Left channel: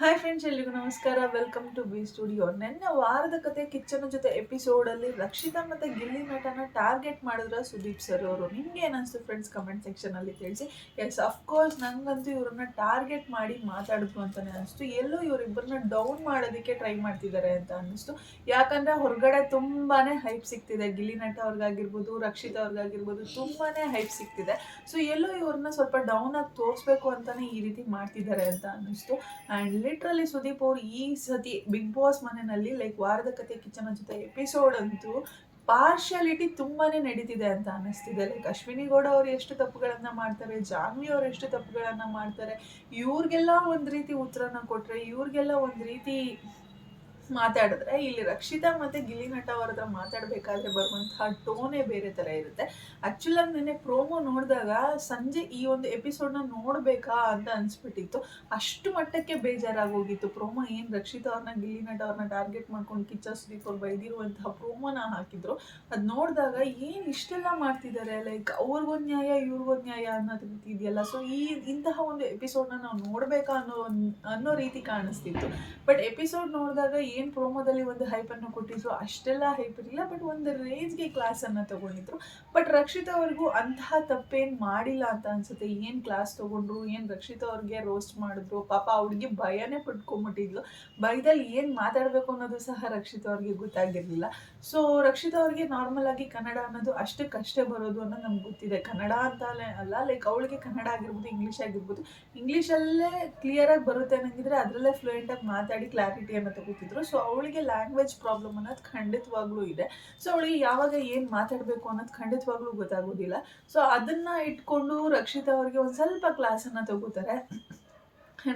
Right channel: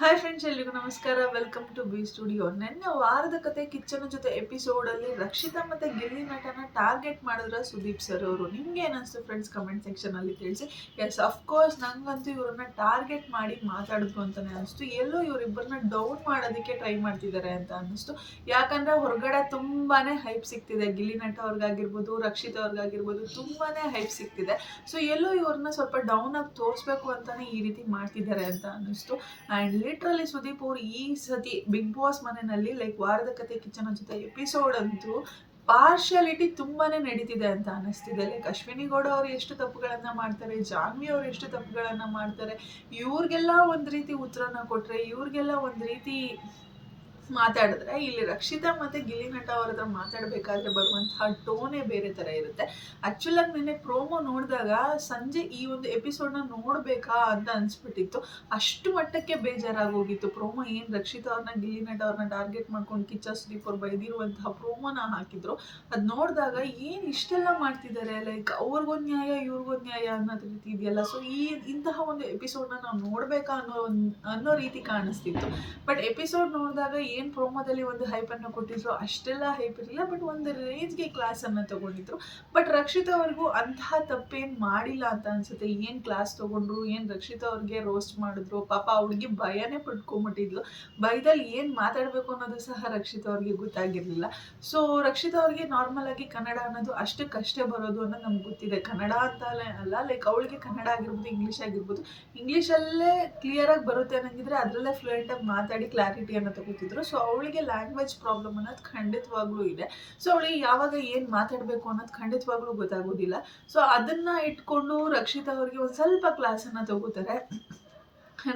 Hi friends ಎಲ್ರಿಗೂ ನಮಸ್ಕಾರ. Welcome to B studio ನಿನ್ನೆ ವಾರದ ಕತೆ ಕಿಚ್ಚನ ಜೊತೆ ಎಪಿಸೋಡಲ್ಲಿ ರಕ್ಷಿತಾ ಮತ್ತೆ ಗಿಲ್ಲಿ ನಟನ ಟಾರ್ಗೆಟ್ ಮಾಡಿದ್ರ ಸುದೀಪ್ ಸರ್ ಅವರು. ನಿಮ್ಗೆ ಏನಿಸ್ತು ಫ್ರೆಂಡ್ಸ್ ಕಮೆಂಟ್ ಸೆಕ್ಷನಲ್ಲಿ ತಿಳಿಸಿ. ಎಸ್ ಅಫ್ಕೋರ್ಸ್ ನಂಗಂತೂ ಇವರನ್ನ ಟಾರ್ಗೆಟ್ ಮಾಡಿ ಮಾತಾಡಿದ್ರು ಅಂತಾನೆ ಅನಿಸ್ತು. ಎಲ್ಲೂ ಇವರಿಬ್ಬರನ್ನ ಡೌನ್ ಮಾಡೋದಕ್ಕೆ ಟ್ರೈ ಮಾಡ್ತಿದ್ದಾರೆ ಅಂತ ಅನ್ನಿಸ್ತು ಯಾಕಂದ್ರೆ ಹೊರಗಡೆ ತುಂಬಾನೇ ಹೈಪ್ ಸಿಗ್ತಿದೆ. ಗಿಲ್ಲಿ ನಟ ಅವ್ರಿಗಾಗಿರ್ಬೋದು, ರಕ್ಷಿತಾ ಅವ್ರಿಗಾಗಿರ್ಬೋದು, ತುಂಬಾನೇ ಹೈಪ್ ಸಿಗ್ತಿದೆ. ಸೊ ಎಲ್ಲೂ ಇವ್ರನ್ನ ಸ್ವಲ್ಪ ಡೌನ್ ಆಗಿ ತೋರಿಸ್ಬೇಕು ಅಂತಾನೆ ಈ ರೀತಿ ಮಾಡ್ತಿದ್ದಾರೆ ಅಂತ ಅನಿಸ್ತು. ಆ್ಯಂಡ್ ಲಿಟ್ರಲಿ ಸುದೀಪ್ ಅವರು ಈ ಸತಿ ಬಿಗ್ ಬಾಸ್ ಮನೆಯಲ್ಲಿ ಲೈಕ್ ವಾರದ ಕತೆ, ಕಿಚನ ಜೊತೆ ಎಪಿಸೋಡ್ ಅಂತೂ ಪಾರ್ಶಿಯಾಲಿಟಿ ತುಂಬಾನೇ ನಡೀತಿದೆ ಅಂತ ಅನ್ನಿಸ್ತಿದೆ ಲೈಕ್ ಅಶ್ವಿನಿ ಗೌಡ ಅವರು ಎಷ್ಟು ತಪ್ಪುಗಳನ್ನು ಮಾಡ್ತಾರೆ, ಜಾನ್ವಿ ಅವರು ಎಷ್ಟು ತಪ್ಪುಗಳನ್ನು ಮಾಡ್ತಾರೆ, ಇವ್ರಿಗೆಲ್ಲ ಒಂದು ರೀತಿ ಉತ್ತರನ ಕೊಟ್ಟರೆ ಇವ್ರಿಗೆಲ್ಲ ಒಂದು ರೀತಿ ಮಾತಾಡಿದ್ರೆ, ಇಲ್ಲಿ ರಕ್ಷಿತಾ ಮತ್ತೆ ಗಿಲ್ಲಿ ನಟ ಅವ್ರ ಹತ್ರ ಮಾತಾಡಬೇಕಾದ್ರೆ ಬರುವಂತಹ ಟೋನೇ ಬೇರೆ ಥರ ಇರುತ್ತೆ. ಆ್ಯಕ್ಚುಲಾಗಿ ನೆನ್ನೆ ಪ್ರೋಮೋ ನೋಡಿದಾಗ ಸಂಜೆ ಈ ಒಂದು ಎಪಿಸೋಡ್ನ ನೋಡಬೇಕಾ ಅಂತ ಅನಿಸ್ಬಿಟ್ಟಿತ್ತು. ಅಷ್ಟು ಮಟ್ಟಕ್ಕೆ ಬೇಜಾರಾಗೋಗಿತ್ತು. ಪ್ರೋಮೋ ಏನು ರಕ್ಷಿತಾ ಅವ್ರನ್ನ ಗಿಲ್ಲಿ ನಟ ಅವ್ರನ್ನ ಟಾರ್ಗೆಟ್ ಮಾಡ್ಕೊಂಡು ಕಿಚ್ಚ ಸುದೀಪ್ ಅವ್ರು ಬೈದಿರುವಂತಹ ಪ್ರೋಮೋನ ಹಾಕಿದ್ರು. ಅದು ನೋಡಿದಾಗ ಏನು ಇಷ್ಟೆಲ್ಲ ಮಾಡ್ತಿದ್ದಾರೆ ಲೈಕ್ ಅವ್ರಿಗೊಂದು ನ್ಯಾಯ ಇವ್ರಿಗೊಂದು ನ್ಯಾಯ ಅನ್ನೋದು ರೀತಿ ಇದೆಯಲ್ಲ. ಸೊ ಈ ಇಂತಹ ಒಂದು ಎಪಿಸೋಡ್ನ ನಾವು ನೋಡಬೇಕಾ ಅನ್ನೋ ಅನ್ನೋ ರೀತಿ ಕಾಣಿಸ್ತಿತ್ತು. ಬಟ್ ಎಪಿಸೋಡ್ ನೋಡಿದಾಗ ಏನು ಪ್ರೋಮೋದಲ್ಲಿ ಒಂದು ಹೈಪನ್ನು ಕೊಟ್ಟಿದ್ರು ಅಷ್ಟೆಲ್ಲ ಹೈಪ್ ಇರಲಿಲ್ಲ ಬಟ್ ಒಂದು ರೇಂಜ್ಗೆ ಕ್ಲಾಸನ್ನು ತಗೊಂಡಿದ್ರು. ಬಟ್ ರಕ್ಷಿತಾ ಅವ್ರಿಗೂ ಅಂತಹ ತಪ್ಪೇನು ಮಾಡಿಲ್ಲ ಅಂತ ಅನ್ಸುತ್ತೆ. ಏನು ಕ್ಲಾಸ್ ತಗೊಂಡ್ರು, ಏನು ರಕ್ಷಿತಾ ಅವ್ರಿಗೆ ರೋಸ್ಟ್ ಮಾಡಿದ್ರು, ಪಾಪ ಅವ್ಳಿಗೆ ಭಯನೇ ಪಡ್ಕೊಂಬಿಟ್ಟಿದ್ಲು ಭಯದಲ್ಲಿ ಏನು ಮಾತಾಡಬೇಕು ಅನ್ನೋದು ಸಹ ರಕ್ಷಿತಾ ಅವ್ರಿಗೆ ಗೊತ್ತಾಗಿರಲಿಲ್ಲ. ಸೊ ರಕ್ಷಿತಾ ಅವ್ರಿಗೆ ನಾರ್ಮಲ್ ಆಗಿ ಕನ್ನಡ ಅನ್ನೋದು ಅಷ್ಟಕ್ಕಷ್ಟೇ ಬರೋದು ಅನ್ನೋದು ನಮ್ಗೆ ಗೊತ್ತಿದೆ. ಕನ್ನಡ ಅಂತ ಅಲ್ಲ ಲೈಕ್ ಅವಳಿಗೆ ಕನ್ನಡ ಆಗಿರ್ಬೋದು ಇಂಗ್ಲೀಷ್ ಆಗಿರ್ಬೋದು ಇಂಗ್ಲೀಷಲ್ಲೇ ಕ್ಲಿಯರಾಗಿ ಬರುತ್ತೆ ಅನ್ನಂಗಿದ್ರೆ ಅದರಲ್ಲೇ ಫ್ಲೂಯೆಂಟಾಗಿ ಮಾತಾಡಿ ಕ್ಲಾರಿಟಿಯನ್ನು ತಗೋತಿದ್ರು. ಸೊ ಅವಳಿಗೆ ಲ್ಯಾಂಗ್ವೇಜ್ ಪ್ರಾಬ್ಲಮ್ ಅನ್ನೋದು ಖಂಡಿತವಾಗ್ಲೂ ಇದೆ. ಸೊ ಅವಳಿಗೆ ಯಾವಾಗ ಏನು ಮಾತಾಡಬೇಕು ಅನ್ನೋದು ಖಂಡಿತವಾಗ್ಲೂ ಗೊತ್ತಾಗೋದಿಲ್ಲ. ಸೊ ಅದನ್ನು ಇಟ್ಕೊಂಡು ರಕ್ಷಿತಾ ಅವ್ರಿಗೆ ಒಂದು ಸ್ವಲ್ಪ ಕ್ಲಾಸನ್ನು ತಗೋತಾರೆ.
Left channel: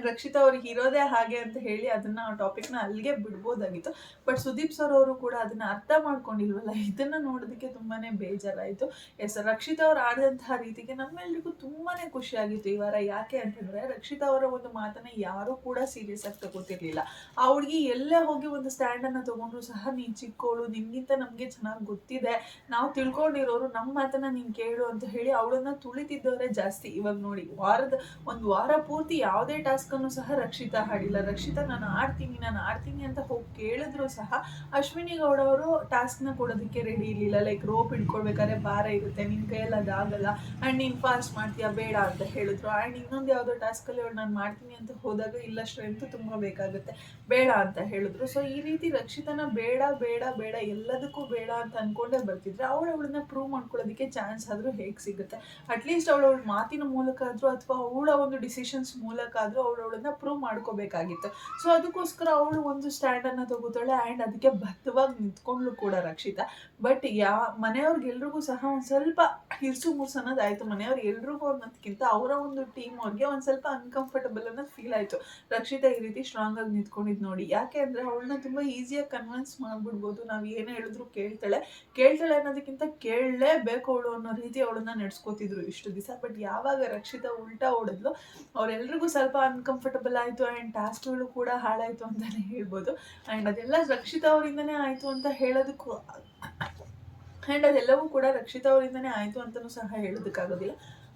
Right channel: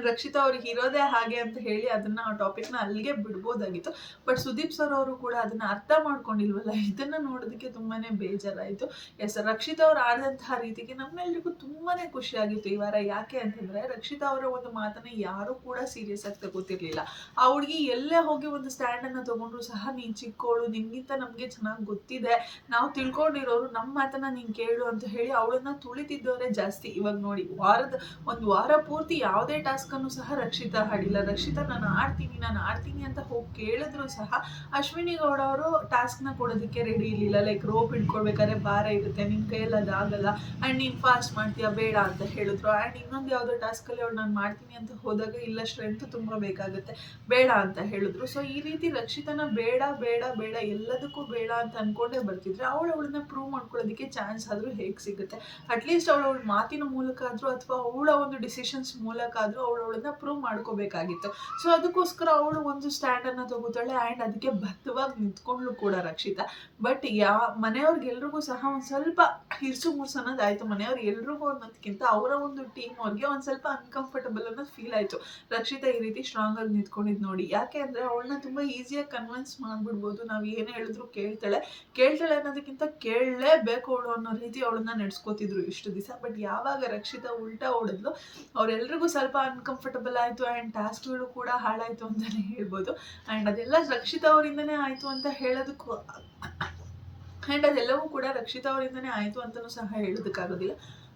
ರಕ್ಷಿತಾ ಅವ್ರಿಗೆ ಇರೋದೇ ಹಾಗೆ ಅಂತ ಹೇಳಿ ಅದನ್ನ ಆ ಟಾಪಿಕ್ನ ಅಲ್ಲಿಗೆ ಬಿಡ್ಬೋದಾಗಿತ್ತು. ಬಟ್ ಸುದೀಪ್ ಸರ್ ಅವರು ಕೂಡ ಅದನ್ನ ಅರ್ಥ ಮಾಡ್ಕೊಂಡಿಲ್ವಲ್ಲ? ಇದನ್ನ ನೋಡೋದಕ್ಕೆ ತುಂಬಾನೇ ಬೇಜಾರಾಯಿತು. ಎಸ್ ರಕ್ಷಿತಾ ಅವ್ರು ಆಡಿದಂತಹ ರೀತಿಗೆ ನಮ್ಮೆಲ್ರಿಗೂ ತುಂಬಾ ಖುಷಿಯಾಗಿತ್ತು ಈ ವಾರ. ಯಾಕೆ ಅಂತಂದ್ರೆ ರಕ್ಷಿತಾ ಅವರ ಒಂದು ಮಾತನ್ನ ಯಾರು ಕೂಡ ಸೀರಿಯಸ್ ಆಗಿ ತಗೋತಿರ್ಲಿಲ್ಲ. ಆ ಹುಡುಗಿ ಎಲ್ಲೇ ಹೋಗಿ ಒಂದು ಸ್ಟ್ಯಾಂಡ್ ಅನ್ನ ತಗೊಂಡ್ರು ಸಹ ನೀನ್ ಚಿಕ್ಕವಳು ನಿನ್ಗಿಂತ ನಮಗೆ ಚೆನ್ನಾಗಿ ಗೊತ್ತಿದೆ. ನಾವು ತಿಳ್ಕೊಂಡಿರೋರು ನಮ್ಮ ಮಾತನ್ನ ನೀನ್ ಕೇಳು ಅಂತ ಹೇಳಿ ಅವಳನ್ನ ತುಳಿತಿದ್ದವರೇ ಜಾಸ್ತಿ. ಇವಾಗ ನೋಡಿ ವಾರದ, ಒಂದು ವಾರ ಪೂರ್ತಿ ಯಾವುದೇ ಟಾಸ್ಕನ್ನು ಸಹ ರಕ್ಷಿತಾ ಹಾಡಿಲ್ಲ ರಕ್ಷಿತಾ, ನಾನು ಆಡ್ತೀನಿ ನಾನು ಆಡ್ತೀನಿ ಅಂತ ಹೋಗಿ ಕೇಳಿದ್ರು ಸಹ ಅಶ್ವಿನಿ ಗೌಡ ಅವರು ಟಾಸ್ಕ್ನ ಕೊಡೋದಕ್ಕೆ ರೆಡಿ ಇರಲಿಲ್ಲ. ಲೈಕ್ ರೋಪ್ ಹಿಡ್ಕೊಳ್ಬೇಕಾದ್ರೆ ಭಾರ ಇರುತ್ತೆ. ನಿನ್ನ ಕೈಯಲ್ಲಿ ಅದಾಗಲ್ಲ ಆ್ಯಂಡ್ ನೀನು ಫಾಸ್ಟ್ ಮಾಡ್ತೀಯಾ? ಬೇಡ ಅಂತ ಹೇಳಿದ್ರು. ಆ್ಯಂಡ್ ಇನ್ನೊಂದು ಯಾವುದೋ ಟಾಸ್ಕಲ್ಲಿ ಅವ್ರು ನಾನು ಮಾಡ್ತೀನಿ ಅಂತ ಹೋದಾಗ ಇಲ್ಲ ಸ್ಟ್ರೆಂತ್ ತುಂಬ ಬೇಕಾಗುತ್ತೆ. ಬೇಡ ಅಂತ ಹೇಳಿದ್ರು. ಸೊ ಈ ರೀತಿ ರಕ್ಷಿತನ ಬೇಡ ಬೇಡ ಬೇಡ, ಎಲ್ಲದಕ್ಕೂ ಬೇಡ ಅಂತ ಅಂದ್ಕೊಂಡೇ ಬರ್ತಿದ್ರೆ ಅವಳು ಅವಳನ್ನ ಪ್ರೂವ್ ಮಾಡ್ಕೊಳ್ಳೋದಕ್ಕೆ ಚಾನ್ಸ್ ಆದರೂ ಹೇಗೆ ಸಿಗುತ್ತೆ? ಅಟ್ಲೀಸ್ಟ್ ಅವಳು ಅವಳ ಮಾತಿನ ಮೂಲಕ ಆದರೂ ಅಥವಾ ಅವಳ ಒಂದು ಡಿಸಿಷನ್ಸ್ ಮೂಲಕ ಆದರೂ ಅವಳು ಅವಳನ್ನ ಪ್ರೂವ್ ಮಾಡ್ಕೋಬೇಕಾಗಿತ್ತು. ಸೊ ಅದಕ್ಕೋಸ್ಕರ ಅವಳು ಒಂದು ಸ್ಟ್ಯಾಂಡನ್ನು ತಗೋತಾಳೆ ಆ್ಯಂಡ್ ಅದಕ್ಕೆ ಬದ್ಧವಾಗಿ ನಿಂತ್ಕೊಂಡ್ಲು ಕೂಡ ರಕ್ಷಿತಾ. ಬಟ್ ಯಾ ಮನೆಯವ್ರಿಗೆಲ್ರಿಗೂ ಸಹ ಒಂದು ಸ್ವಲ್ಪ ಹಿರ್ಸು ಮುರ್ಸು ಅನ್ನೋದು ಮನೆಯವ್ರು ಎಲ್ರಿಗೂ ಅನ್ನೋದಕ್ಕಿಂತ ಅವರ ಒಂದು ಟೀಮ್ ಅವ್ರಿಗೆ ಒಂದು ಸ್ವಲ್ಪ ಅನ್ಕಂಫರ್ಟಬಲ್ ಅನ್ನೋದು ಫೀಲ್ ಆಯಿತು. ರಕ್ಷಿತಾ ಈ ರೀತಿ ಸ್ಟ್ರಾಂಗ್ ಆಗಿ ನಿಂತ್ಕೊಂಡಿದ್ದು ನೋಡಿ. ಯಾಕೆ ಅಂದರೆ ಅವಳನ್ನ ತುಂಬ ಈಸಿಯಾಗಿ ಕನ್ವಿನ್ಸ್ ಮಾಡಿಬಿಡ್ಬೋದು. ನಾವು ಏನೇ ಹೇಳಿದ್ರು ಕೇಳ್ತಾಳೆ. ಕೇಳ್ತಾಳೆ ಅನ್ನೋದಕ್ಕಿಂತ ಕೇಳಲೇಬೇಕು ಅವಳು ಅನ್ನೋ ರೀತಿ ಅವಳನ್ನ ನಡೆಸ್ಕೋತಿದ್ರು ಇಷ್ಟು ದಿವಸ. ಬಟ್ ಯಾವಾಗ ರಕ್ಷಿತಾ ಉಲ್ಟಾ ಓಡಿದ್ಲು ಅವರೆಲ್ರಿಗೂ ಸ್ವಲ್ಪ ಅನ್ಕಂಫರ್ಟಬಲ್ ಆಯಿತು ಆ್ಯಂಡ್ ಟಾಸ್ಕ್ಗಳು ಕೂಡ ಹಾಳಾಯಿತು ಅಂತಲೇ ಹೇಳ್ಬೋದು. ಆ್ಯಂಡ್ ಅದೆಲ್ಲ ರಕ್ಷಿತಾ ಅವರಿಂದನೇ ಆಯಿತು ಅಂತ ಹೇಳೋದಕ್ಕೂ ಆ್ಯಂಡ್ ಅದೆಲ್ಲವೂ ಕೂಡ ರಕ್ಷಿತಾ ಅವರಿಂದನೇ ಆಯಿತು ಅಂತಲೂ ಸಹ ಹೇಳೋದಕ್ಕಾಗೋದಿಲ್ಲ.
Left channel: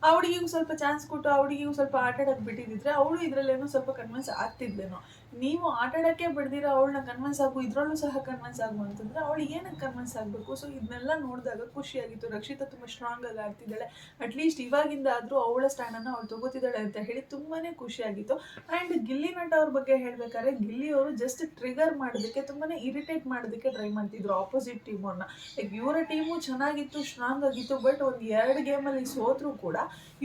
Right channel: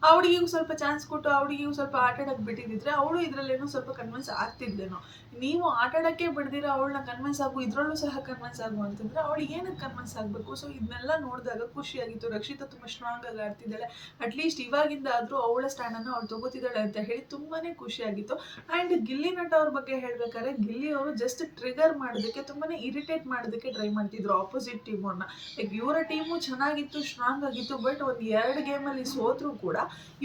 ಅವಳಿಗೆ ಸ್ವಲ್ಪ ಚಾನ್ಸ್ ಕೊಟ್ಟು ಅವಳಿಗೆ ಸ್ವಲ್ಪ ಆಟ ಬಿಟ್ಟಿದ್ದಿದ್ರೆ ಅವಳು ಇದರಲ್ಲೇನೋ ಸ್ವಲ್ಪ ಕನ್ವಿನ್ಸ್ ಆಗ್ತಿದ್ದೇನೋ ನೀವು ಆಟಾಡೋಕ್ಕೆ ಬಿಡ್ದಿರ ಅವಳನ್ನ ಕನ್ವಿನ್ಸ್ ಆಗು, ಇದರಲ್ಲೂ ಸಹ ಕನ್ವಿನ್ಸ್ ಆಗು ಅಂತಂದ್ರೆ ಅವಳು ಏನಕ್ಕೆ ಕನ್ವಿನ್ಸ್ ಆಗಬೇಕು? ಸೊ ಇದನ್ನೆಲ್ಲ ನೋಡಿದಾಗ ಖುಷಿಯಾಗಿತ್ತು. ರಕ್ಷಿತಾ ತುಂಬ ಸ್ಟ್ರಾಂಗ್ ಆಗಿ ಆಡ್ತಿದ್ದಾಳೆ. ಅಟ್ಲೀಸ್ಟ್ ಇವಾಗಿಂದ ಆದರೂ ಅವಳ ಸ್ಟ್ಯಾಂಡನ್ನು ಅವಳು ತಗೋತಿದ್ದಾಳೆ ಅಂತ ಹೇಳಿ ತುಂಬಾ ಖುಷಿಯಾಗಿತ್ತು. ಆ್ಯಂಡ್ ಗಿಲ್ಲಿ ನಟ ಅವ್ರ ಬಗ್ಗೆ ಹೇಳ್ಬೇಕಾದ್ರೆ, ಗಿಲ್ಲಿ ಅವರು ಜಸ್ಟ್ ಟ್ರಿಗರ್ ಮಾಡೋದಕ್ಕೆ ತುಂಬಾ ಇರಿಟೇಟ್ ಮಾಡೋದಕ್ಕೆ ಟ್ರೈ ಮಾಡ್ತಿದ್ರು ಆಪೋಸಿಟ್ ಟೀಮನ್ನು ಲೈಕ್ ಇವರ ಟೀಮು ಚೆನ್ನಾಗಿತ್ತು ಸ್ಟ್ರಾಂಗ್ ಆಗಿತ್ತು ಬಟ್ ಒಂದು ಎರಡು ಗೇಮಲ್ಲಿ ಸೋತರೂ ಕೂಡ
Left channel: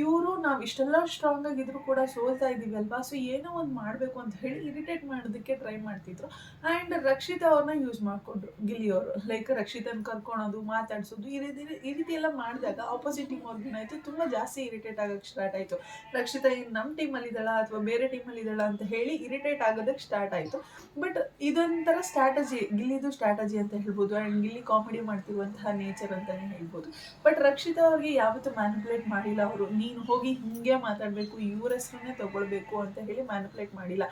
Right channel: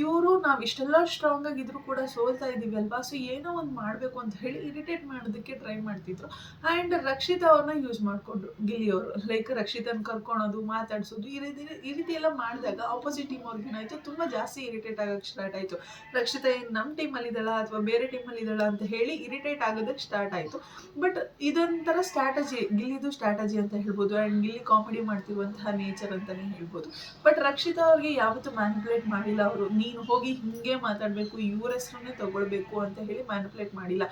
ಇವರು ನಾವು ಇಷ್ಟೆಲ್ಲ ಸ್ಟ್ರಾಂಗ್ ಆಗಿದ್ರು ಕೂಡ ಸೋಲ್ತಾ ಇದ್ದೀವಿ ಅಲ್ವಾ? ಸೊ ಏನೋ ಒಂದು ಮಾಡಬೇಕು ಅಂತ ಹೇಳಿ ಇರಿಟೇಟ್ ಮಾಡೋದಕ್ಕೆ ಟ್ರೈ ಮಾಡ್ತಿದ್ರು. ಆ್ಯಂಡ್ ರಕ್ಷಿತಾ ಅವ್ರನ್ನ ಯೂಸ್ ಮಾಡಿಕೊಂಡ್ರು ಗಿಲ್ಲಿಯವರು ಲೈಕ್ ರಕ್ಷಿತನ ಕರ್ಕೊಳೋದು, ಮಾತಾಡಿಸೋದು, ಈ ರೀತಿ ಈ ರೀತಿ ಎಲ್ಲ ಮಾಡಿದಾಗ ಆಪೋಸಿಟ್ ಟೀಮ್ ಅವ್ರಿಗೆ ಏನಾಯಿತು, ತುಂಬ ಜಾಸ್ತಿ ಇರಿಟೇಟ್ ಆಗೋಕ್ಕೆ ಸ್ಟಾರ್ಟ್ ಆಯಿತು. ರಕ್ಷಿತಾ ಏನು ನಮ್ಮ ಟೀಮಲ್ಲಿ ಇದ್ದಾಳ ಅಥವಾ ಬೇರೆ ಟೀಮಲ್ಲಿ ಇದ್ದಾಳ ಅಂತ ಹೇಳಿ ಇರಿಟೇಟ್ ಆಗೋದಕ್ಕೆ ಸ್ಟಾರ್ಟ್ ಆಯಿತು. ಬಟ್ ಇದೊಂಥರ ಸ್ಟ್ರಾಟಜಿ ಗಿಲ್ಲಿದು ಸ್ಟ್ರಾಟಜಿ ಅಂತ ಹೇಳ್ಬೋದು. ಆ್ಯಂಡ್ ಗಿಲ್ಲಿ ಕಾಮಿಡಿ ಮಾಡ್ತಿರುವಂತಹ ನೇಚರ್ ಅಂತಲೇ ಹೇಳ್ಬೋದು. ಬಟ್ ರಕ್ಷಿತಾ ಅವ್ರಿಗೆ ಯಾವತ್ತೂ ಮ್ಯಾನಿಪುಲೇಟ್ ಮಾಡಿಲ್ಲ ಅವರು. ನೀನು ಹೋಗಿ ಹಿಂಗೆ ಮಾತಾಡಬೇಕು, ಇವ್ರ ಹೆಸ್ರನ್ನೇ ತಗೊಳ್ಬೇಕು ಅಂತ ಹೇಳಿ ಮ್ಯಾನಿಪುಲೇಟ್ ಮಾಡಿಲ್ಲ.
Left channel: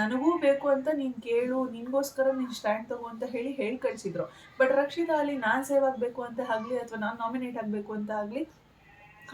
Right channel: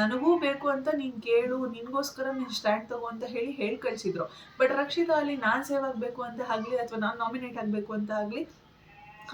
ನನಗೂ ಬೇಕು ಅಂತ ನೀನು ಕೇಳು, ನಿನಗೋಸ್ಕರ ನೀನು ಸ್ಟ್ಯಾಂಡ್ ತಗೋ ಅಂತ ಹೇಳಿ ಹೇಳಿ ಕಳಿಸಿದ್ರು. ಬಟ್ ರಕ್ಷಿತಾ ಅಲ್ಲಿ ನಾನು ಸೇವ್ ಆಗಬೇಕು ಅಂತ ಆಗಲಿ ಅಥವಾ ನಾನು ನಾಮಿನೇಟ್ ಆಗಬೇಕು ಅಂತ ಆಗಲಿ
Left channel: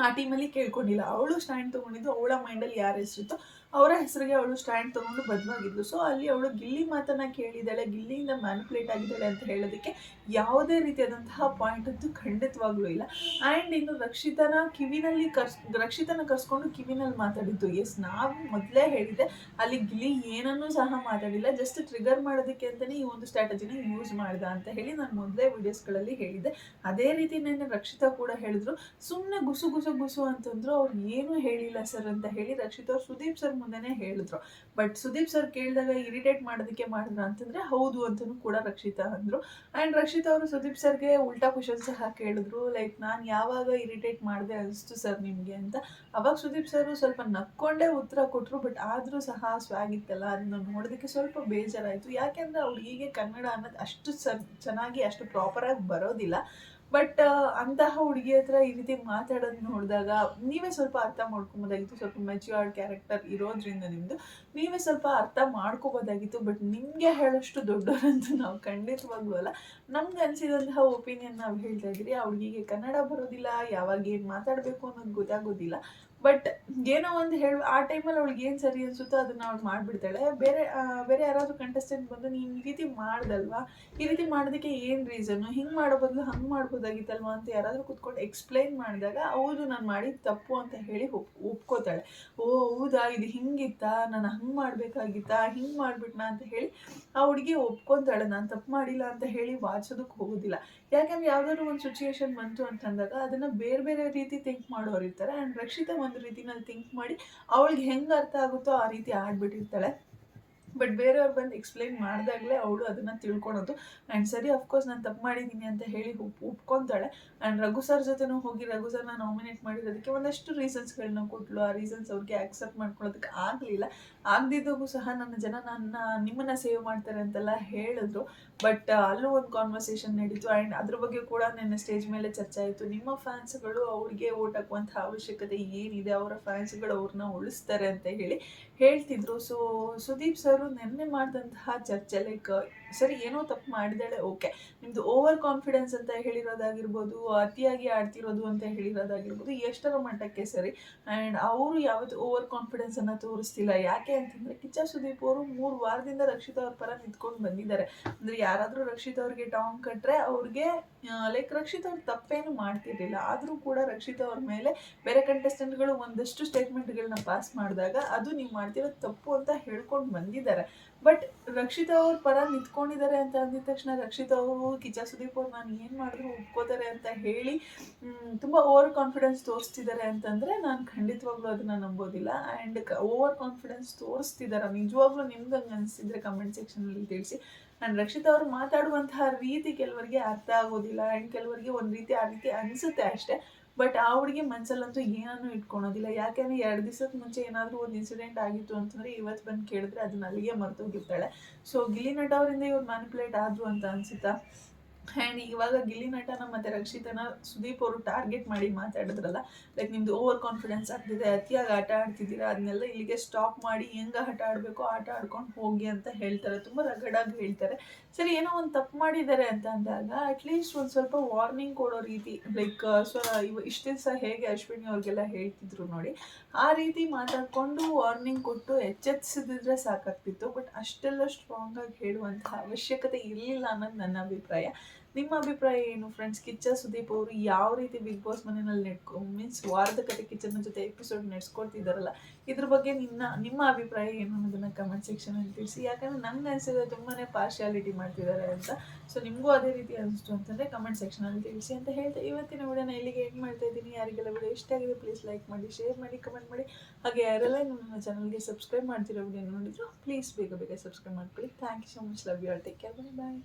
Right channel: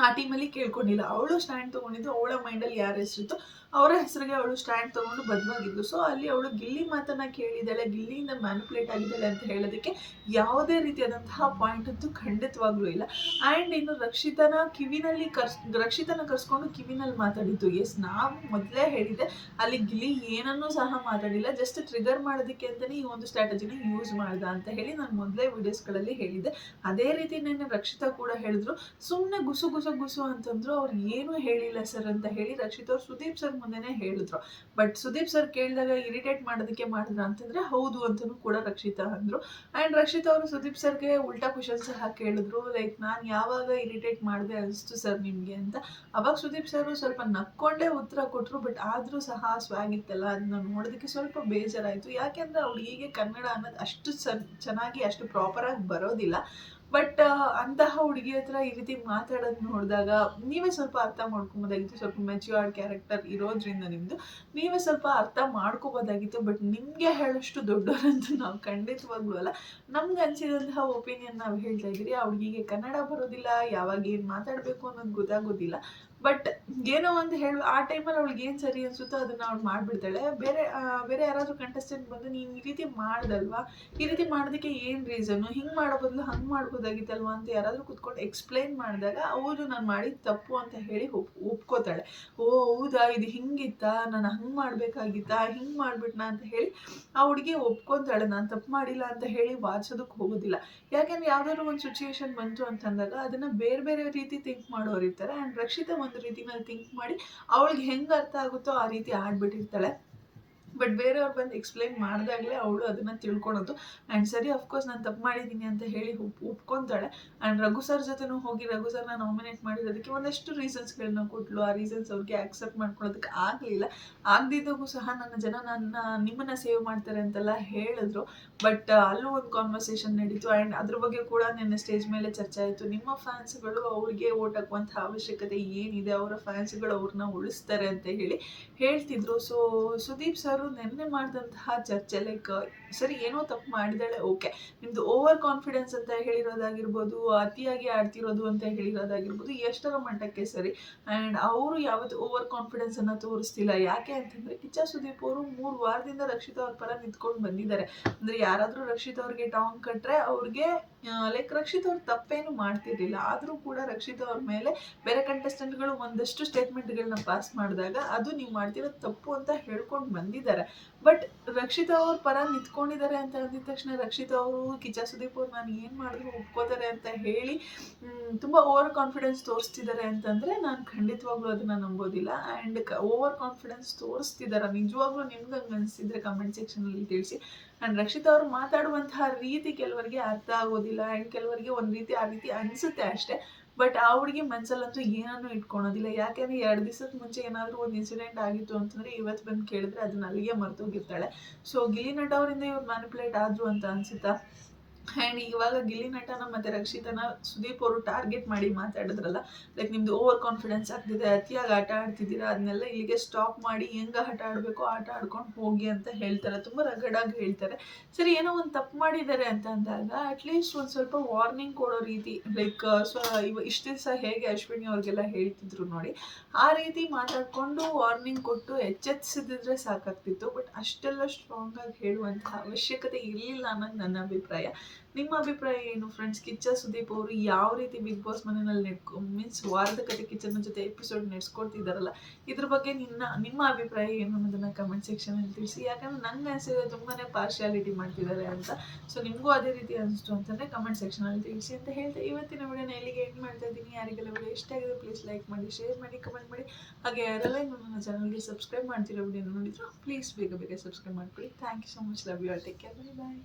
ಆ ಟೀಮಲ್ಲಿ ಕೇಳ್ಕೊಂಡಿಲ್ಲ. ಅವಳು ಸ್ಟ್ಯಾಂಡ್ ತೊಗೊಂಡಿದ್ದು, ಅವಳ ಮೈಂಡಲ್ಲಿ ಯಾರ ಹೆಸರಿತ್ತು ಅವರ ಹೆಸರಿಗೆ ಅವಳು ಸ್ಟ್ಯಾಂಡ್ ತೊಗೊಂಡು ಬದ್ವಾಗಿದ್ಲು. ಸೊ ಅಲ್ಲಿ ಅವಳು ಗಿಲ್ಲಿ ಮಾತನ್ನ ಕೇಳಿದ್ದಾಳೆ, ಗಿಲ್ಲಿಯಿಂದ ಮ್ಯಾನಿಪುಲೇಟ್ ಆಗಿದ್ದಾಳೆ ಅಂತ ಹೇಳೋದಕ್ಕೆ ಯಾವುದೇ ರೀತಿಯಾದಂತಹ ಪಾಯಿಂಟ್ ಅಂತೂ ಖಂಡಿತವಾಗ್ಲೂ ಇಲ್ಲ. ಆ್ಯಂಡ್ ಇನ್ನು ರಕ್ಷಿತನ ಕಿವಿನಲ್ಲಿ ಕರ್ಸ್, ರಕ್ಷಿತನ ಕರ್ಸ್ಕೊಂಡು ಕಿವಿನಲ್ಲಿ ಮಾತಾಡಿದ್ದು. ಎಸ್ ನಾವು ಮೊದಲೇ ಹೇಳಿದೆ ಅಲ್ಲಿ ಗಿಲ್ಲಿ ಏನನ್ನೂ ಸಹ ಮಾತಾಡಿಲ್ಲ. ಜಸ್ಟ್ ಟ್ರಿಗರ್ ಮಾಡೋದಕ್ಕೆ ಅಂತಲೇ ಈ ಒಂದು ಸ್ಟ್ರಾಟಜಿನ ಯೂಸ್ ಮಾಡ್ದ ಅಂತ ಹೇಳಿ ನಾನು ಮೊದಲೇ ವಿಡಿಯೋಸ್ಗಳಲ್ಲಿ ಹೇಳಿದ್ದೆ. ಅದೇ ರೀತಿ ನೆನ್ನೆ ರಕ್ಷಿತಾ ಕೂಡ ಹೇಳಿದ್ರು ಸುಮ್ಮನೆ ಗುಸು ಗುಸು ಗುಸು ಅಂತಂದ್ರು ಅವ್ರು ಏನು ಹೇಳಿಲ್ಲ ಸರ್ ಅಂತ ಹೇಳಿ ರಕ್ಷಿತ್ ಅವ್ರು ಸುದೀಪ್ ಸರ್ ಮುಂದೆನೇ ಹೇಳಿದ್ರು. ಬಟ್ ಸುದೀಪ್ ಸರ್ ಕೇಳಿದಾಗ ಇರಿಟೇಟ್ ಮಾಡೋದಕ್ಕೆ ಮಾಡಿದ್ರ ಅಂತಂದ್ರೆ ಹೌದು ಅಂತಲೂ ಕೂಡ ರಕ್ಷಿತಾ ಅಂದ್ರು. ಆ್ಯಂಡ್ ರಕ್ಷಿತ್ ಅವರು ಸುದೀಪ್ ಸರ್ಗೆ ಉಲ್ಟಾ ಕ್ವಶನ್ ಸಹ ಕೇಳಿದ್ರು. ಲೈಕ್ ನಾನು ಯಾವಾಗ ಇರಿಟೇಟ್ ಮಾಡಿದೆ ಅನಿಸ್ತು ಸರ್ ನಿಮಗೆ ಅಂತ. ಅವಾಗ ಸುದೀಪ್ ಸರ್ ಸ್ವಲ್ಪ ನಕ್ಕೊಂಡೇ ಉತ್ತರ ಕೊಟ್ಟರು ಬಟ್ ಆದರೂ ಸಹ ಸ್ವಾಗ್ ಇತ್ತಲ್ಲ, ಅದನ್ನ ನೋಡೋದಕ್ಕೆ ಸ್ವಲ್ಪ ಬೇಜಾರಾಯಿತು. ಯಾಕೆಂದರೆ ಅವ್ಳಿಗೆ ಕನ್ನಡ ಅನ್ನೋದು ಅಷ್ಟು ಚೆನ್ನಾಗಿ ಅಷ್ಟು ಪ್ರಾಪರಾಗಿ ಬರೋದಿಲ್ಲ. ಬಟ್ ಅಂತಹ ಹುಡುಗಿ ಹತ್ರ ಈ ರೀತಿ ಮಾತಾಡೋದು ನೋಡಿದಾಗ ನೀವೇ ಸ್ವಲ್ಪ ಅರ್ಥ ಮಾಡ್ಕೊಬೋದಾಗಿತ್ತು. ಸ್ವಲ್ಪ ಮೆಚ್ಯೂರ್ಡ್ ಕ್ಯಾರೆಕ್ಟರ್ ಇರೋದ್ರಿಂದ ನಿಮ್ಮದು ನೀವೇ ಸ್ವಲ್ಪ ಅರ್ಥ ಮಾಡ್ಕೋಬೋದಾಗಿತ್ತು. ಬಟ್ ನಿಮಗೆ ಹೇಳೋಷ್ಟು ದೊಡ್ಡವರಂತೂ ನಾವು ಖಂಡಿತವಾಗ್ಲೂ ಅಲ್ಲ. ನಮ್ಗೆ ಅನಿಸಿದಂತಹ ಒಪಿನಿಯನ್ ನಾವು ಹೇಳ್ತಾ ಇದ್ದೀರಿ. ಆ ಹುಡುಗಿಗೆ ಕನ್ನಡ ಬರೋದಿಲ್ಲ. ಯಾವಾಗ ಏನು ಮಾತಾಡಬೇಕು ಅನ್ನೋದು ಗೊತ್ತಾಗೋದಿಲ್ಲ. ಬಟ್ ಏನೋ ಒಂದು ಹೇಳು, ಆ ಟೈಮಲ್ಲಿ ಅವಳಿಗೆ ಏನು ಸರಿ ಅನಿಸುತ್ತೋ ಅದನ್ನು ಅವ್ಳು ಮಾಡಿಬಿಡ್ತಾಳೆ. ಬೇರೆ ಬೇರೆ ಯಾರಾದರೂ ಕಂಟೆಸ್ಟೆಂಟ್ ಬಂದು ನೀನು ಈ ರೀತಿ ಮಾಡ್ದಲ್ವಾ? ಈ ರೀತಿ ಮಾಡೋದಕ್ಕೆ ಏನು ರೀಸನ್ನು ಹಿಂಗೆ ಮಾಡೋ ಬದಲು ಹಂಗೆ ಮಾಡ್ಬೋದಾಗಿತ್ತಲ್ವಾ ಅಂತ ಯಾರಾದರೂ ಕೂತ್ಕೊಂಡು ಎಕ್ಸ್ಪ್ಲೈನ್ ಮಾಡಿದಾಗ, ಹೌದು, ನಾನು ಮಾಡಿದ ತಪ್ಪು ಅಂತ ಹೇಳಿ ಒಪ್, ಒಪ್ಕೋತಾಳೆ. ಓ, ಹೌದಾ? ಇದು ಹಿಂಗಿತ್ತಾ? ನಾನು ಹಂಗೆ ಮಾಡಬೇಕಾಗಿತ್ತಾ? ಹಿಂಗೆ ಮಾಡಿಬಿಟ್ನಾ? ಅಂತ ಹೇಳಿ ಆ ಹುಡುಗಿ ಒಪ್ಕೊತಾಳೆ, ನಾನು ತಪ್ಪು ಮಾಡಿಲ್ಲ ಅಂತ ಹೇಳಿ ವಾಚೋದಕ್ಕೆ ಹೋಗೋದಿಲ್ಲ. ಯಾಕೆಂದ್ರೆ ಯಾವ್ದಾದ್ರು ಒಂದು ಸಿಚುಯೇಷನ್ ಬಂತು ಅಂತಂದಾಗ, ಅದನ್ನು ಬೇರೆ ಬೇರೆ ರೀತಿ ಥಿಂಕ್ ಮಾಡೋರು ಇರ್ತಾರೆ ಆ್ಯಂಡ್ ರಕ್ಷಿತ ಒಂದು ರೀತಿನಲ್ಲಿ ಥಿಂಕ್ ಮಾಡಿ, ಅವಳಿಗೆ ಹೆಂಗೆ ಅರ್ಥ ಆಗುತ್ತೋ ಆ ರೀತಿ ಆಡ್ಬಿಟ್ಟಿರ್ತಾಳೆ. ಬಟ್ ಬೇರೆಯವ್ರು ಬಂದು ಎಕ್ಸ್ಪ್ಲೈನ್ ಮಾಡಿದಾಗಲೇ ಅವಳು ಅದನ್ನು ತಿಳ್ಕೊಳೋದು. ಆ್ಯಂಡ್ ಸರಿ ಅಫ್ಕೋರ್ಸ್ ನಾನು ತಪ್ಪು ಮಾಡಿದ್ದೀನಿ ಅಂತ ಹೇಳಿ ಒಪ್ ಒಪ್ಕೊತಾಳೆ ಆ್ಯಂಡ್ ರಘು ಸರ್ ಜೊತೆನೂ ಹೋಗಿ ರಘು ಸರ್ನ ನಾಮಿನೇಟ್ ಮಾಡಿರೋದಕ್ಕೆ ಒಂದಷ್ಟು ರೀಸನ್ಸ್ಗಳನ್ನ ಕೊಟ್ಟಲು ಆ ರೀಸನ್ಸ್ ಅವ್ರಿಗೆ ಆಕ್ಸೆಪ್ಟ್ ಮಾಡ್ಕೊಳ್ಳೋದಕ್ಕೆ ಆಗಲಿಲ್ಲ. ಆಗದಿದ್ದಾಗೂ ಸಹ ನನ್ನ ಜನ ನನ್ನ ನಿಮ್ಮನ್ನ ಸೇವ್ ಮಾಡ್ತಾರೆ ಅಂತೆಲ್ಲ ಹೇಳಿದ್ರು. ಬಟ್ ಅಲ್ಲೂ ಒಂದು ಕಾನ್ವರ್ಸೇಷನ್ ನಡೀತು. ಆ್ಯಂಡ್ ಅದ್ರ ಬಗ್ಗೆ ಕೂಡ ನನ್ನ ಸ್ಟೇಜ್ ಮೇಲೆ ಚರ್ಚೆ ಆಯಿತು. ನಿಮ್ಮ ಫ್ಯಾನ್ಸ್ಗಳು ಅವ್ರಿಗೆ ಓಟ್ ಹಾಕುವಂಥ ಅವಶ್ಯಕತೆ ಏನಿದೆ? ಅವರ ಫ್ಯಾನ್ಸ್ಗಳು ಅವ್ರನ್ನ ಉಳಿಸ್ತಾರೆ ಅಂತ ಹೇಳಿ ಹೇಳ್ತಿದ್ರು. ಸೊ ಸುದೀಪ್ ಸರ್ ನೆನ್ನೆ ಮಾಡಿದಂತಹ ಚರ್ಚೆ ಲೈಕ್ ಸರಿ, ಏನೋ ತಪ್ಪು ಮಾಡಿದಾಳೆ ಓಕೆ ನಿಮ್ಮದು ಓವರ್ ಕಾನ್ಫಿಡೆನ್ಸ್ ಅಂತ ಹೇಳಿರೋದಾಗಿರ್ಬೋದು, ಅತಿಯಾಗಿ ಆಡ್ತಿರೋದು ಅಂತ ಹೇಳಿರೋದಾಗಿರ್ಬೋದು ಎಷ್ಟರ ಮಟ್ಟಕ್ಕೆ ಸರಿ. ಆ್ಯಂಡ್ ಅವರು ಯಾವತ್ತು ಓವರ್ ಕಾನ್ಫಿಡೆನ್ಸನ್ನು ತೋರಿಸ್ತಿಲ್ಲ. ಯಾಕೆ ಅಂತಂದರೆ ಕಿಚ್ಚ ಸುದೀಪ್ ಅವರು ಮೂರು ವಾರದಿಂದ ರಕ್ಷಿತಾ ಅವ್ರ ಪರ ನಿಂತ್ಕೊಂಡು ಬಂದಿದ್ದಾರೆ. ಅಂದ್ರೆ ಯಾರಾದರೂ ರಕ್ಷಿತ್ ಅವ್ರಿಗೆ ಟಾಂಗ್ ಕಟ್ಟರೆ ಅವ್ರಿಗೆ ಲೈಕ್ ರಕ್ಷಿತ್ ಅವ್ರು ತಪ್ಪೇನು ಮಾಡ್ತಿರ್ಲಿಲ್ಲ. ಆದರೂ ಕೂಡ ರಕ್ಷಿತಾ ಅವ್ರ ಮೇಲೆ ಬೇರೆ ಕಂಟೆಸ್ಟೆಂಟ್ಗಳು ಒಂದಷ್ಟು ಸ್ಟೇಟ್ಮೆಂಟ್ಗಳನ್ನ ಪಾಸ್ ಮಾಡಿದಾಗ ಅದು ನೀವು ಮಾಡ್ತಿರೋ ತಪ್ಪು ಅಂತ ಹೇಳ್ಕೊಂಡು ಬಂದಿದ್ದಾರೆ. ಬಟ್ ರಕ್ಷಿತಾ ಅವ್ರ ಪರ ನಿಂತ್ಕೊಂಡಿದ್ದಾರೆ ಅಂತ ಅಂದಿದ ತಕ್ಷಣ ರಕ್ಷಿತ ಅವರು ಕಿಚ್ಚ ಸುದೀಪ್ ಅವ್ರು ನಾನು ಏನು ಮಾಡಿದ್ರು ಒಪ್ಕೋತಾರೆ ಅಂತ ಹೇಳಿ ತುಂಬ ಓವರ್ ಕಾನ್ಫಿಡೆನ್ಸ್ ತೋರಿಸ್ತಿದ್ದಾರೆ ಅಂತಂದರೆ ನಾನು ಖಂಡಿತವಾಗ್ಲೂ ಅದನ್ನು ನಂಬೋದಿಲ್ಲ. ಆ್ಯಂಡ್ ಓವರ್ ಕಾನ್ಫಿಡೆನ್ಸ್ ತೋರಿಸ್ತಿದ್ದಾರೆ ನಿಜವಾಗ್ಲೂ ನಿಮ್ಗೆ ಹಂಗೆ ಅನಿಸಿದ್ರೆ ಕಮೆಂಟ್ ಸೆಕ್ಷನಲ್ಲಿ ತಿಳಿಸಿ. ಆ್ಯಂಡ್ ರಕ್ಷಿತ ಅವರು ಮಾತಾಡುವಂತಹ ರೀತಿ ಕೆಲವರಿಗೆ ಅರ್ಥ ಆಗೋದಿಲ್ಲ. ಆ್ಯಂಡ್ ಕೆಲವರಿಗೆ ಒಂದು ರೀತಿ ಆ ರೀತಿ ಅನಿಸುತ್ತೆ ಅಷ್ಟೇ. ಬಟ್ ಆ ಹುಡುಗಿ ಮನಸ್ಸಲ್ಲಂತೂ ಏನನ್ನೂ ಇಟ್ಕೊಳೋದಿಲ್ಲ. ಯಾಕೆಂದರೆ ಎರಡು ದಿವಸದ ಮುಂಚೆ ಏನಾದರೂ ಒಂದು ಇನ್ಸಿಡೆಂಟ್ ಆಗಿತ್ತು ಅಂತಂದರೆ ಇವತ್ತು ಬಂದು ಕೇಳಿದ್ರೆ ಅದನ್ನ ಅಲ್ಲಿಗೆ ಮರ್ತೋಗಿರ್ತಾಳೆ ಸೊ ಗಿಲಿ ನಟ ಅವರಿಂದ ಇವ್ರು ಮ್ಯಾನಿಪುಲೇಟ್ ಆದರು ಅಂತ ಅನಿಸುತ್ತಾ? ಆ್ಯಂಡ್ ಇವಾಗ ಗಿಲ್ಲಿ ನಟನ ಮತ್ತು ರಕ್ಷಿತನ ಸುದೀಪ್ ಅವರು ಟಾರ್ಗೆಟ್ ಮಾಡಿ ಮಾತಾಡಿದ್ರಲ್ಲ? ಲೈಕ್ ನಿಮ್ಮದು ಓವರ್ ಕಾನ್ಫಿಡೆನ್ಸ್ ಆಗ್ತಿದೆ, ಅತಿಯಾಗಿ ಆಟ ಆಡ್ತಿದ್ದೀರಾ ಅದನ್ನೆಲ್ಲ ಇಲ್ಲಿಗೆ ಸ್ಟಾಪ್ ಮಾಡಿ ಹೆಂಗೆ ಆಟ ಆಡಬೇಕು ಆಟ ಆಡ್ಕೊಂಡು ಹೋಗಿ ಅಂತ ಹೇಳ್ತಾರೆ. ತುಂಬ ರಗಡಾಗಿ ಹೇಳ್ತಾರೆ. ಸರಿ, ಏನೋ ಒಂದು ತಪ್ಪು ಮಾಡಿದ್ದಾರೆ ಅಂತ ಅಂದಾಗ ಅಟ್ಲೀಸ್ಟ್ ಒಂದು ಸ್ವಲ್ಪ ವಾರ್ನಿಂಗ್ ಕೊಡೋ ರೀತಿ ಲೈಕ್ ಸ್ವ, ಇವ ಇಷ್ಟು ದಿವಸ ಹೇಗೆ ಅಶ್ವಿನಿ ಅವ್ರಿಗೆಲ್ಲ ಹೇಳ್ತಿದ್ರು ನೋಡಿ, ಆ ರೀತಿ ಮಾತಾಡಿಕೊಂಡು ವಾರ್ನಿಂಗ್ ಕೊಟ್ಟು ಎಚ್ಚೆತ್ಸಿದ್ರೆ ಸಾಕಾಗ್ತಿತ್ತು. ಬಟ್ ಅಷ್ಟೆಲ್ಲ ಸ್ಟ್ರಾಂಗಾಗಿ ಹೇಳುವಂತಹ ಅವಶ್ಯಕತೆ ಇರಲಿಲ್ಲ ಅನ್ನೋದು ನನ್ನ ಅಭಿಪ್ರಾಯ. ನಿಮ್ಮ ಅಭಿಪ್ರಾಯ ಏನು ಫ್ರೆಂಡ್ಸ್ ಕಿಚ್ಚ, ಸುದೀಪ್ ಅವರು ಯಾವ ರೀತಿ ಬಿಗ್ ಬಾಸ್ ಮನೆಯಲ್ಲಿ ನೆಡ್ಕೊ ಮೀನ್ಸ್ ವಾರದ ಕತೆ ಕಿಚನ್ ಜೊತೆ ಎಪಿಸೋಡ್ ನಡೆಸ್ಕೊಡ್ತಿದ್ದಾರಲ್ಲ ಇದ್ರ ಬಗ್ಗೆ ನಿನ್ನ, ನಿಮ್ಮ ಅಭಿಪ್ರಾಯ ಏನು ಅನ್ನೋದನ್ನ ಕಮೆಂಟ್ ಸೆಕ್ಷನಲ್ಲಿ ತಿಳಿಸಿ. ಯಾಕಂದ್ರೆ ನಂಗೆ ಅನಿಸಿದ್ರೆ ತುಂಬಾ ಪಾರ್ಶಿಯಾಲಿಟಿ ಮಾಡ್ತಿದ್ದಾರೆ ಅಂತ. ಸೊ ನಿಮಗೂ ಅದೇ ರೀತಿ ಅನಿಸ್ತು ಅಂತಂದರೆ ಕಮೆಂಟ್ ಸೆಕ್ಷನಲ್ಲಿ ತಿಳಿಸಿ ಅಂತ ಹೇಳ್ತಾ ಇವತ್ತಿನ ವಿಡಿಯೋನ ಇಲ್ಲಿಗೆ ಎಂಡ್ ಮಾಡ್ತಾ ಇದ್ದೀನಿ. ಯಾರಿಗೆಲ್ಲ ವಿಡಿಯೋ ಇಷ್ಟ ಆಗಿದೆ ಪ್ಲೀಸ್ ಲೈಕ್ ಮಾಡಿ ಶೇರ್ ಮಾಡಿ ಕಮೆಂಟ್ ಮಾಡಿ. ಹಾಗೆ ಯಾರೆಲ್ಲ ಇನ್ನು ನನ್ನ ಚಾನಲ್ಗೆ ಸಬ್ಸ್ಕ್ರೈಬ್ ಮಾಡ್ತಿರೋ ವಿಡಿಯೋನ ನೋಡಿದ್ರು ಪ್ಲೀಸ್ ಬೇಗ ಬೇಗ ಸಬ್ಸ್ಕ್ರೈಬ್ ಮಾಡ್ಕೊಳ್ಳಿ. Thank you so much love you all take care bye bye